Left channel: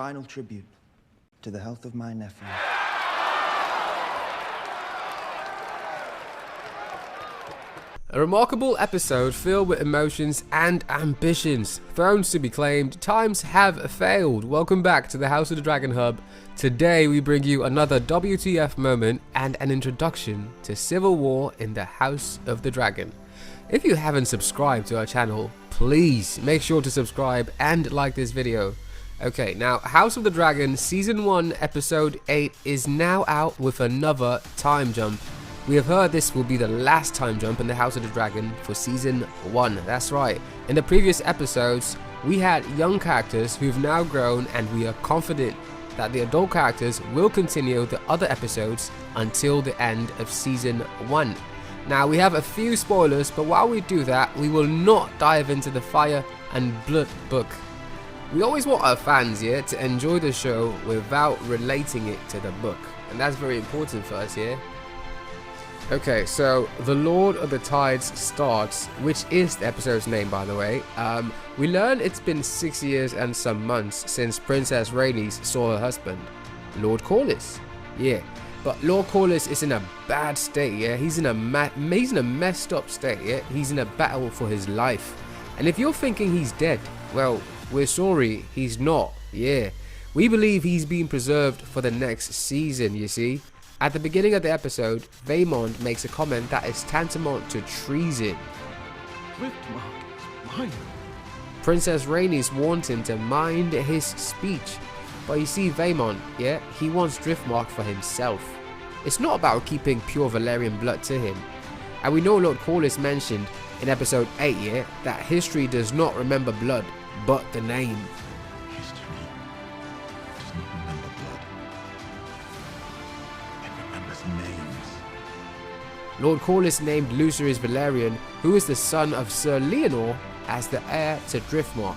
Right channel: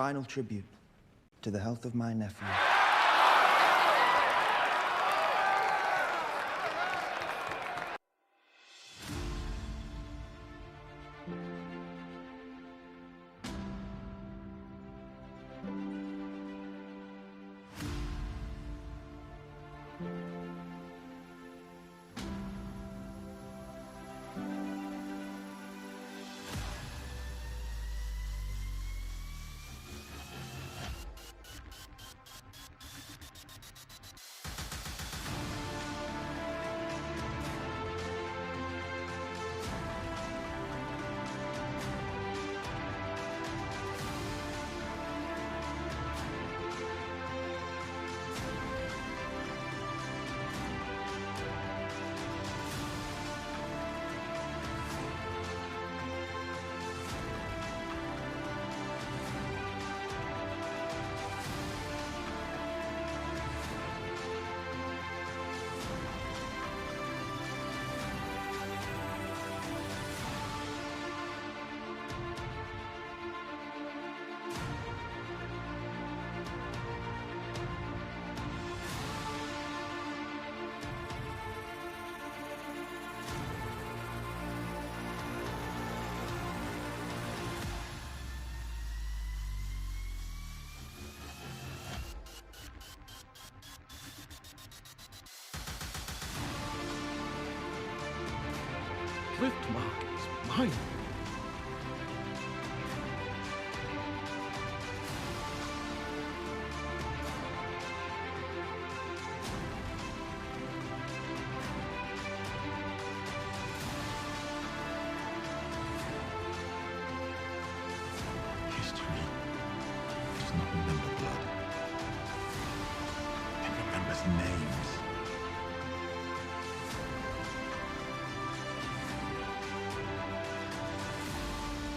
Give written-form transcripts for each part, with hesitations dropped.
final tribute to the health of my nephew. A remarkable episode filled with emotions and ambitions. Thrones to be claimed, times have failed. Welcome back to the House of the Dragon Hub. Today we bring you another WTF moment and an introduction to civil war in the House of the Dragon. If you haven't subscribed to our channel, please make sure to subscribe and like this video. Okay, now House of the Dragon Season 1 Episode 8 is now out with another time jump. We have heard this will be the last time jump in the House of the Dragon for Season 1. That's right. In the previous episodes, we had young characters who've now grown, and we are confident that the adult characters will continue the other episodes until the end of Season 1. Now, we have a few spoilers, but while we do that, we will not dive into the Fire and Blood book. We always want our fans here to enjoy the show without relating it to the book, and that's very important for us here. Okay, so the Lord of the Tides starts, which is the episode's name, by the way. We learn it's been 6 years and some months since Princess Rhaenys saw her husband, Lord Corlys. Yeah, but Lord Corlys is in a bad state. Yeah, he's in a messed up state. Yeah, he's in a battle for his life. And if you're thinking he's dead, well, we're sorry, he's not. Yeah, we believe he's being preserved for the next season. You see. At the beginning of the episode, Vaemond makes a comment that is tantamount to treason. Driftmark is mine. Princess Rhaenys warns him to mind his speech. But you see, Vaemond, yeah, he wants Driftmark for himself. It's not about keeping pure Valyrian blood to him. And we know Lord Corlys mentioned in episode 8, yeah, that history does not remember blood, but the name. History does not remember blood. Names. Lord Corlys named Lucerys Velaryon, who is the son of Sir Leonor, as the heir to Driftmark.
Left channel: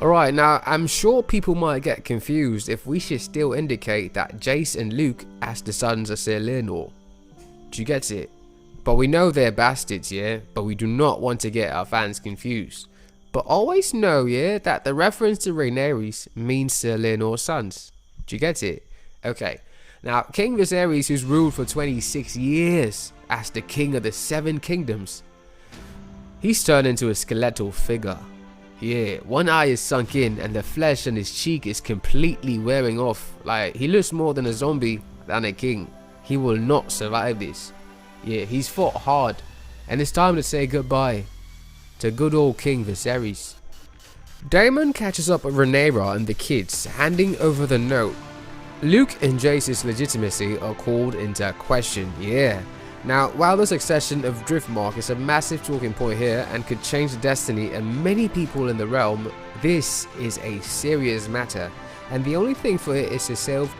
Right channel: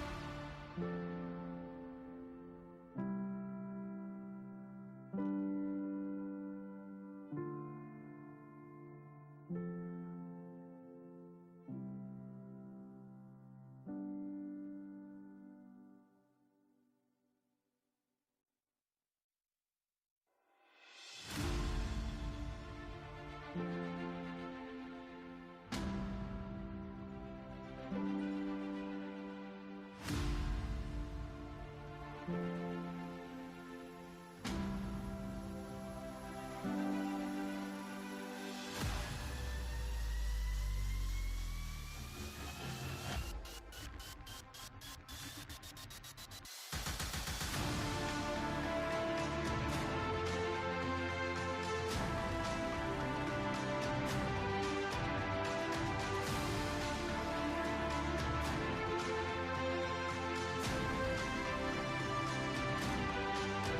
Alright, now I'm sure people might get confused if we should still indicate that Jace and Luke as the sons of Sir Leonor. Do you get it? But we know they're bastards, yeah, but we do not want to get our fans confused. But always know, yeah, that the reference to Rhaenyra means Sir Leonor's sons. Do you get it? Okay. Now, King Viserys, who's ruled for 26 years as the king of the 7 kingdoms, he's turned into a skeletal figure. Yeah, one eye is sunk in and the flesh on his cheek is completely wearing off. Like, he looks more than a zombie than a king. He will not survive this. Yeah, he's fought hard, and it's time to say goodbye to good old King Viserys. Daemon catches up with Rhaenyra and the kids, handing over the note. Luke and Jace's legitimacy are called into question, yeah. Now, while the succession of Driftmark is a massive talking point here and could change the destiny of many people in the realm, this is a serious matter, and the only thing for it is to save.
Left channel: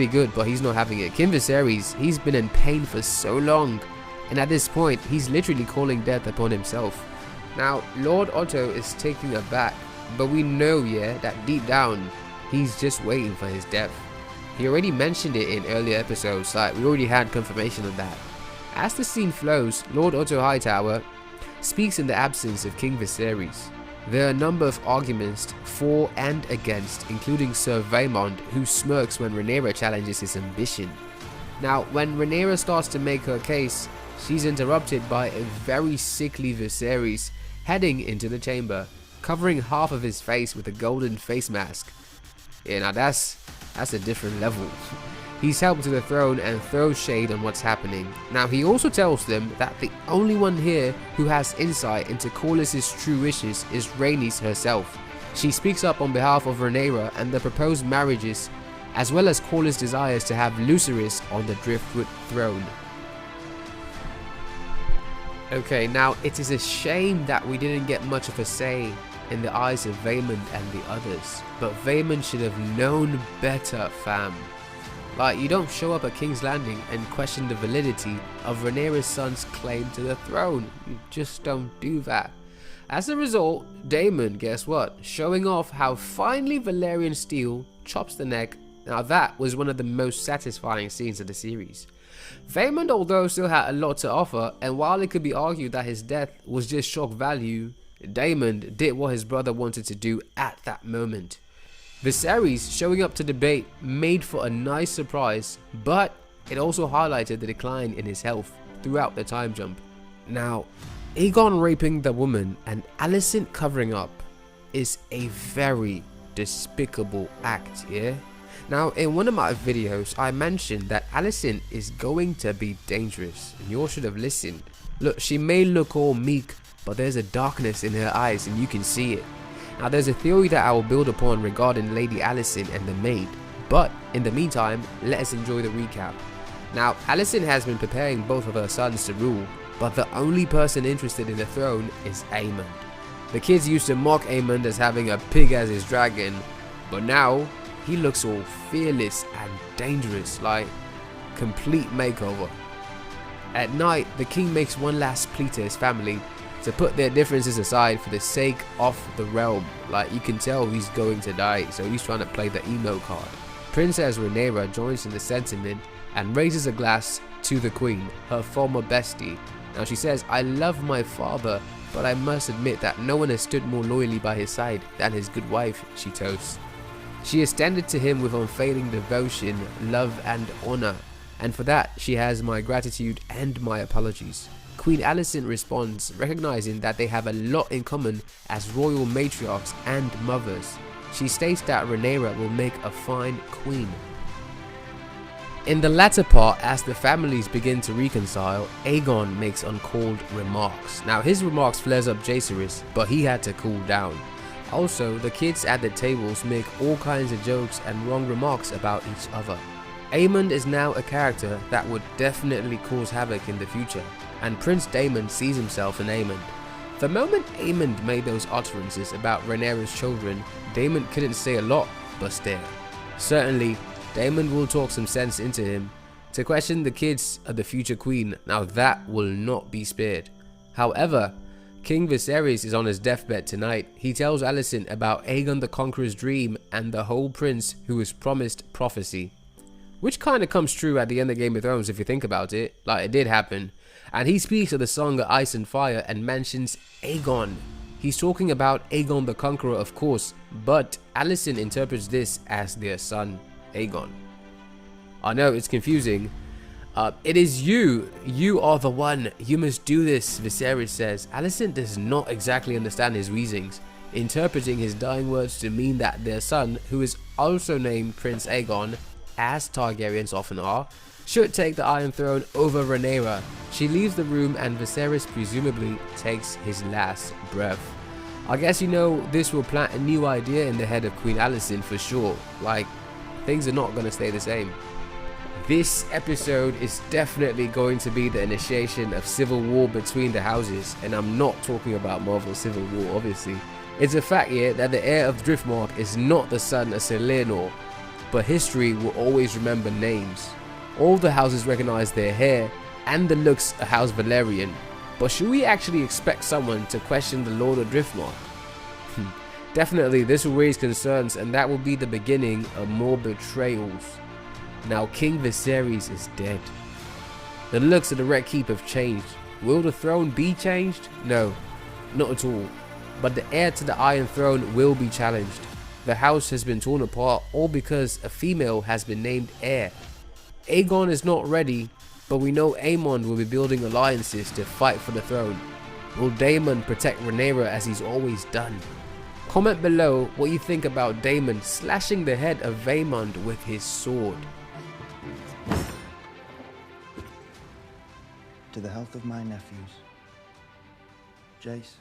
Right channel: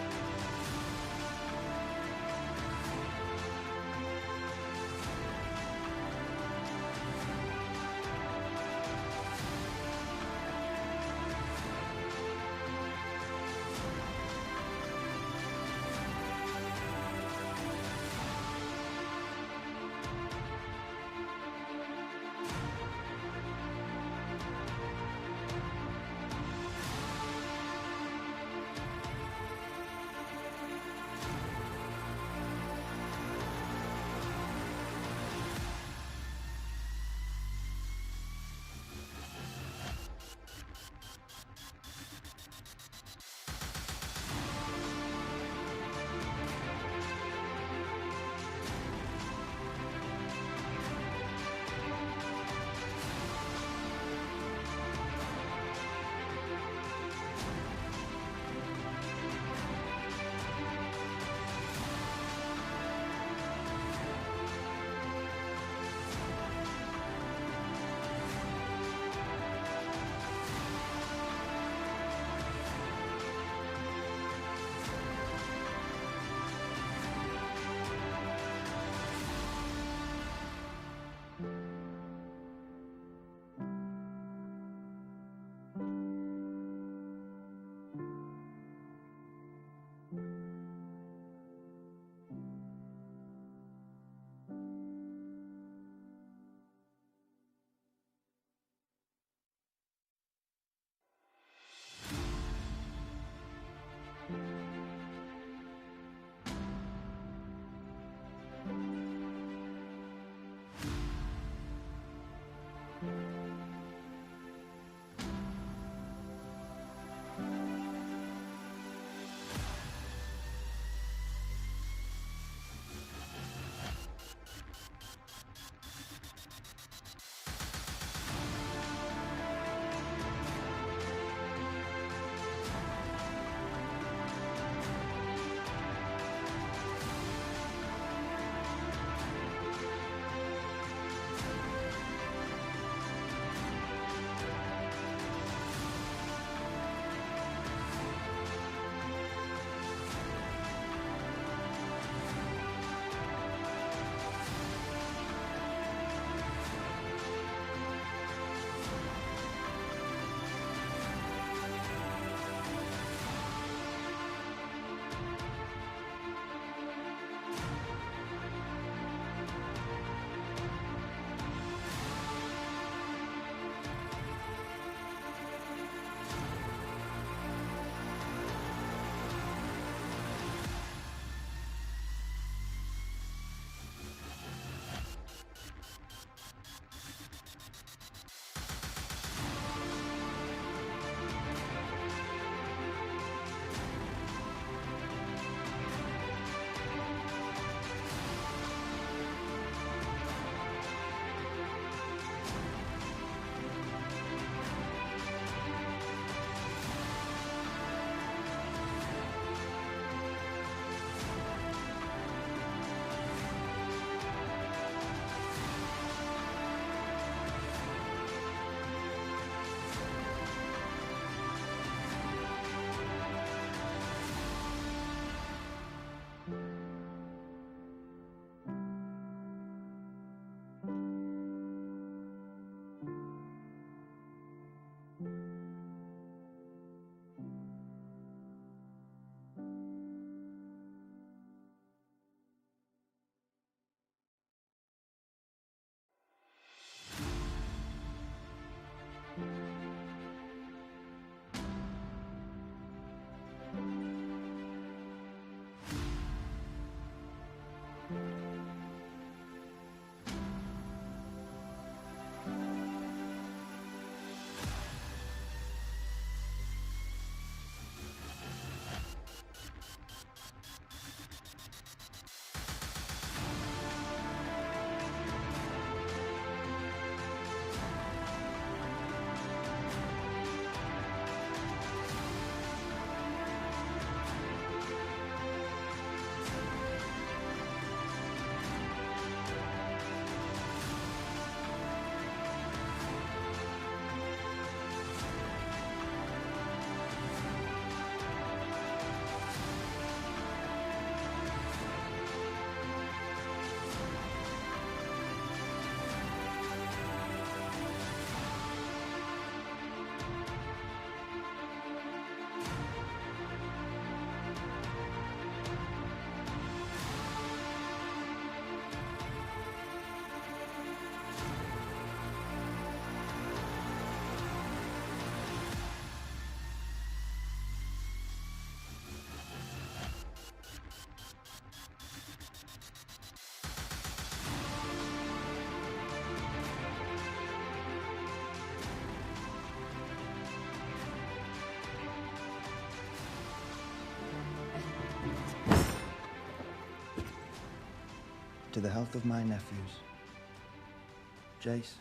really good, but he's not having it. King Viserys, he's been in pain for so long, and at this point, he's literally calling death upon himself. Now, Lord Otto is taking aback, but we know, yeah, that deep down, he's just waiting for his death. He already mentioned it in earlier episodes, like we already had confirmation of that. As the scene flows, Lord Otto Hightower speaks in the absence of King Viserys. There are a number of arguments for and against, including Sir Vaemond, who smirks when Rhaenyra challenges his ambition. Now, when Rhaenyra starts to make her case, she's interrupted by a very sickly Viserys heading into the chamber, covering half of his face with a golden face mask. Yeah, now that's a different level. He's helped to the throne and throws shade on what's happening. Now, he also tells them that the only one here who has insight into Corlys' true wishes is Rhaenys herself. She speaks up on behalf of Rhaenyra and the proposed marriages, as well as Corlys' desires to have Lucerys on the Driftwood throne. Okay, now it is a shame that we didn't get much of a say in the eyes of Vaemond and the others, but Vaemond should have known better, fam. Like, you don't show up at King's Landing and question the validity of Rhaenyra's son's claim to the throne. You just don't do that. As a result, Daemon, guess what? Showing off how finely Valyrian steel chops the neck. Now that was one of the most satisfying scenes of the series. Vaemond, although, still had a lot to offer, and while it could be argued that his death was just shock value, Daemon did what his brother wanted to do at that moment. Viserys showing up to debate made for a nice surprise, but it also highlighted the decline in his health throughout the time jump. Now, Aegon raping the woman and Alicent covering up is a very despicable act, yeah? Now, in one of my videos, I mentioned that Alicent is going to be dangerous. You all should have listened. Look, she may look all meek, but there's a darkness in her eyes and you can see it. Now, there's a theory that I will build upon regarding Lady Alicent and the maid, but in the meantime, let us enjoy the recap. Now, Alicent has been preparing both of her sons to rule, but the only person interested in the throne is Aemond. The kids used to mock Aemond as having a pig as his dragon, but now he looks all fearless and dangerous, like complete makeover. At night, the king makes one last plea to his family to put their differences aside for the sake of the realm. Like, you can tell he's going to die, so he's trying to play the emo card. Princess Rhaenyra joins in the sentiment and raises a glass to the queen, her former bestie. Now she says, "I love my father, but I must admit that no one has stood more loyally by his side than his good wife," she toasts. She is tended to him with unfailing devotion, love and honor, and for that she has my gratitude and my apologies. Queen Alicent responds, recognizing that they have a lot in common as royal matriarchs and mothers. She states that Rhaenyra will make a fine queen. In the latter part, as the families begin to reconcile, Aegon makes uncalled remarks. Now, his remarks flares up Jaehaerys, but he had to cool down. Also, the kids at the tables make all kinds of jokes and wrong remarks about each other. Aemond is now a character that would definitely cause havoc in the future, and Prince Daemon sees himself in Aemond. The moment Aemond made those utterances about Rhaenyra's children, Daemon couldn't say a lot but stare. Certainly, Daemon will talk some sense into him to question the kids of the future queen. Now that will not be spared. However, King Viserys is on his deathbed tonight. He tells Alicent about Aegon the Conqueror's dream and the whole prince who was promised prophecy. Which kind of comes true at the end of Game of Thrones if you think about it, like it did happen. And he speaks of the Song of Ice and Fire and mentions Aegon. He's talking about Aegon the Conqueror, of course, but Alicent interprets this as their son, Aegon. I know it's confusing. It is you are the one, you must do this, Viserys says. Alicent does not exactly understand his reasonings, interpreting his dying words to mean that their son, who is also named Prince Aegon, as Targaryens often are, should take the Iron Throne over Rhaenyra. She leaves the room and Viserys presumably takes his last breath. I guess, you know, this will plant a new idea in the head of Queen Alicent for sure. Like, things are not going to stay the same. This episode is definitely going to be the initiation of civil war between the houses, and I'm not talking about Marvel Civil War, obviously. It's a fact here that the heir of Driftmark is not the son of Sir Leonor. but history will always remember names. All the houses recognize their hair and the looks of House Valerian, but should we actually expect someone to question the Lord of Driftmark? Definitely this will raise concerns, and that will be the beginning of more betrayals. Now King Viserys is dead. The looks of the Red Keep have changed. Will the throne be changed? No, not at all. But the heir to the Iron Throne will be challenged. The house has been torn apart all because a female has been named heir. Aegon is not ready, but we know Aemon will be building alliances to fight for the throne. Will Daemon protect Rhaenyra as he's always done? Comment below what you think about Daemon slashing the head of Vaemond with his sword. To the health of my nephews. Jace.